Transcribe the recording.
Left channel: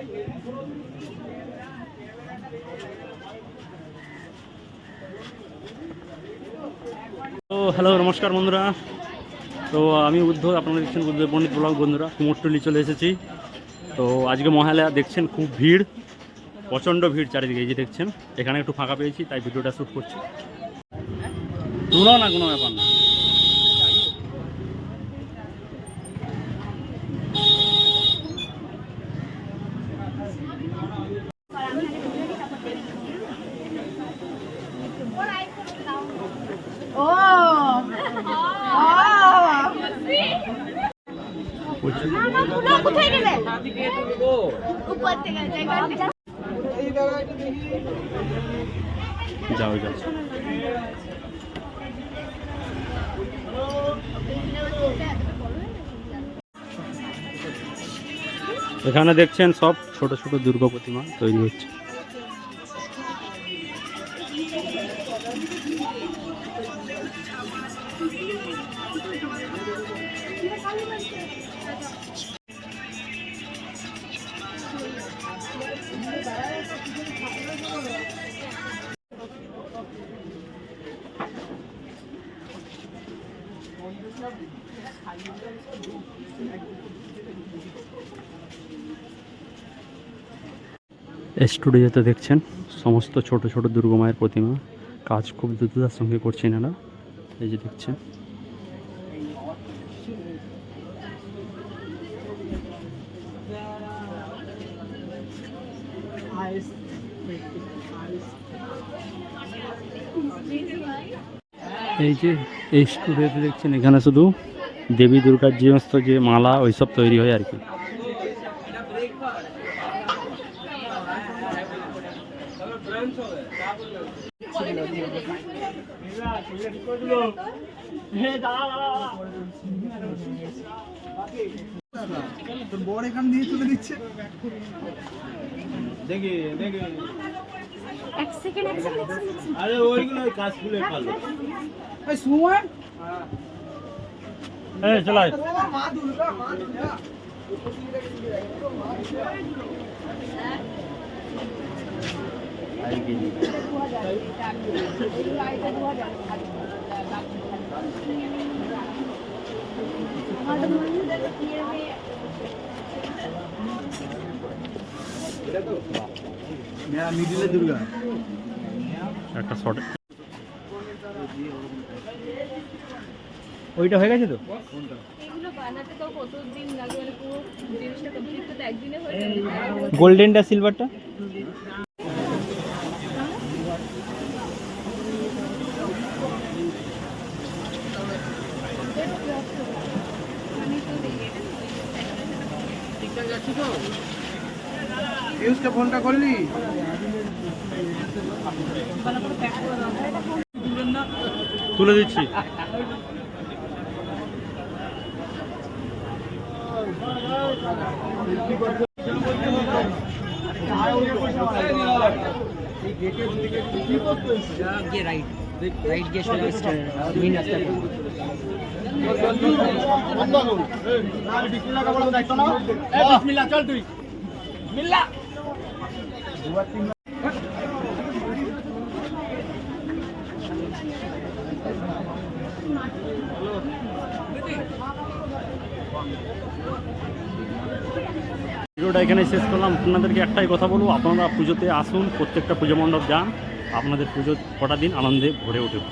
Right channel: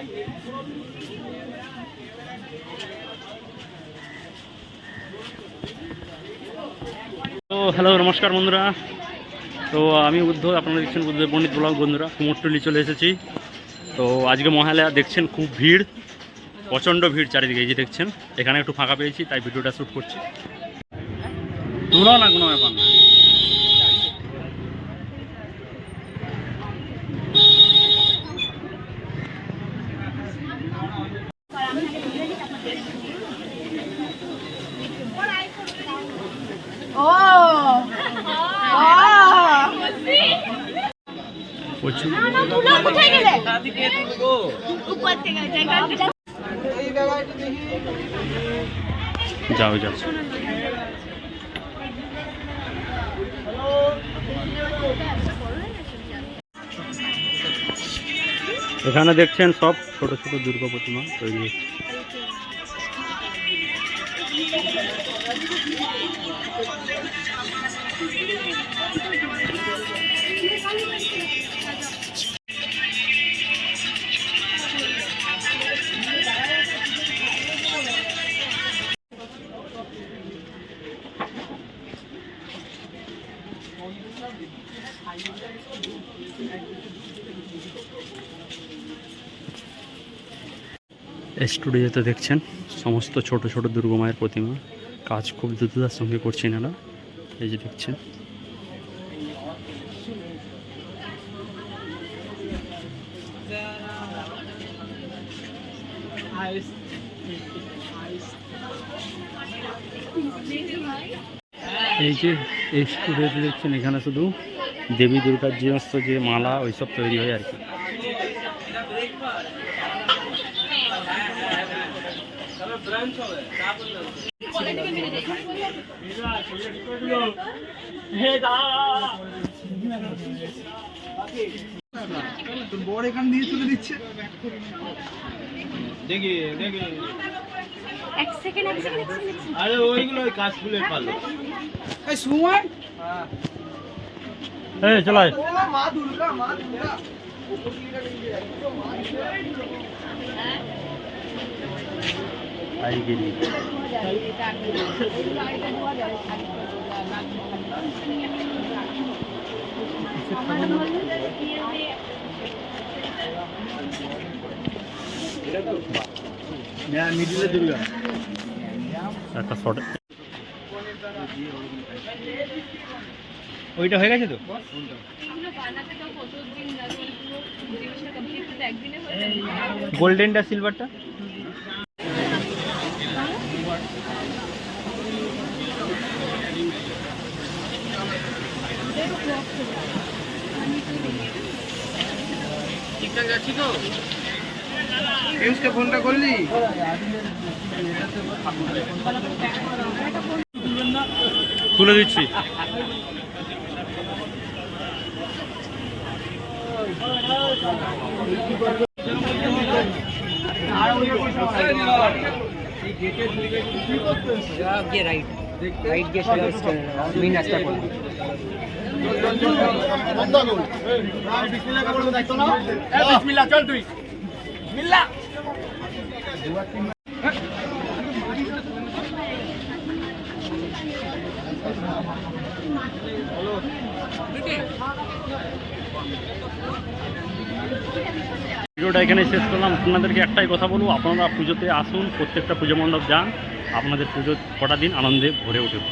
তো হ্যালো, নমস্কার বন্ধুরা। তো আমি উদ্ধব, আপনারা দেখছেন উদ্ধব পণ্ডিত ব্লগ। বন্ধুরা, কুমোরটুলি চলে এসেছি। তো আজকে মহালয়া, দেখছেন খুব ভিড়, প্রচণ্ড ভিড় চারিদিকে। এই যে দেখছেন, এখানে একটু ফাঁকা পেয়েছি তাই ভিডিওটা শ্যুট করছি। তুলো না, কোনো ব্যাপার না। যাও যাও। এখানে দেখছেন সব ছোট ছোট দুর্গা প্রতিমা তৈরি হচ্ছে। স্টুডিওতে দেখছেন সমস্ত ছোট ছোট দুর্গা মায়ের প্রতিমা। কাজ খুব দ্রুততার সঙ্গে করছেন এরা। এই যে দেখছেন, এই যে এই স্টুডিওতে দেখছেন, এখানে শুধু দেবী দুর্গার যে সমস্ত যে মালা ওইসব তৈরি হয় আর কি। বড় এখান দিয়ে তুলে দিচ্ছে। দেখি দেখি এক সেকেন্ড। আরে ওইগুলো কাজ ফুলের পালো। এই সুমন, এই চলো। মা দুর্গা, মা দুর্গা। একটা শট ওইটা হয়ে গেছে তো। গোল্ডেনটা সিলভারটা ঠিকঠাক যাচ্ছি তো? পিউষকে ফোনটা করলি? তুলে দিচ্ছি। চল তুই মিল্লা। ভিডিওটা এখানে শেষ করলাম। আপনাদেরকে একটাই কথা বলবো, আপনারা পুজোতে আসুন, প্রত্যেকটা পুজো মণ্ডপ যান, আপনাদের পুজো কটা দিন আনন্দে ভরে উঠুক।